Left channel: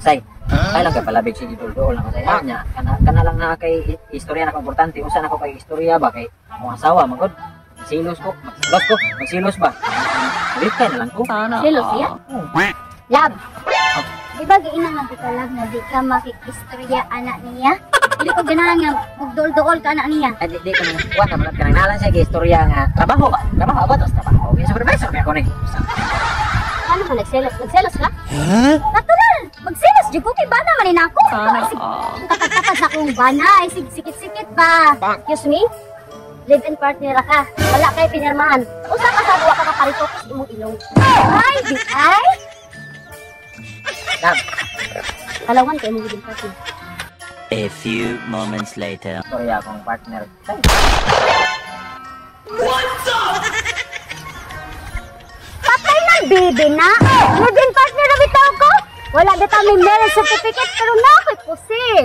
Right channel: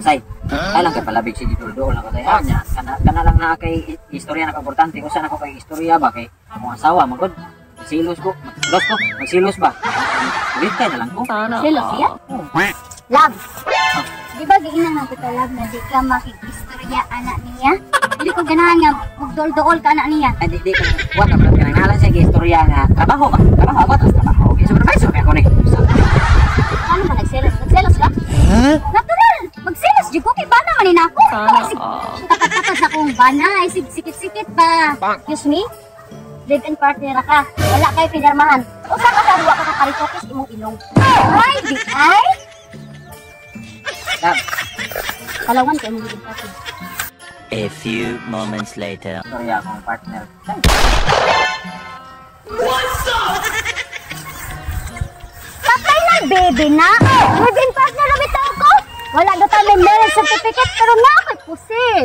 Say, ay lang ka palabig si Didoldo lang kasi nya kana lang na kay istorya na importante usa na ko kay istorya ba kay akong asawa magod silos ko magsilos ba ulit ka na lang ko Silos ya? Love. Di ba giinang man kita love na di ka makikistorya anak niya? Hindi ko ganahan nga magdol-dol ka anak niya. ay di ka wa ka pala kanangalan sa istorya nga trabaho ba tas trabaho okay supervisor ka ko ni Ano ba nagselos? Nagselos ka? Natural! Magselos di ko kay bana man ako. Kakatakas na kong bana ay sikit-sikit ba? Excuse me? Live-in partner ka. Wala kayo pinirmahan. Usa ka sa duwa ka kaparikokis imong ilong. Ay, di ay? love Kalawan kayo mong live-in partner. A few moments later. istorya akong partner Patay na, baby na! Live-in partner na bitaw ko! Wala bitaw may marriage certificate pero na ako'y pusil!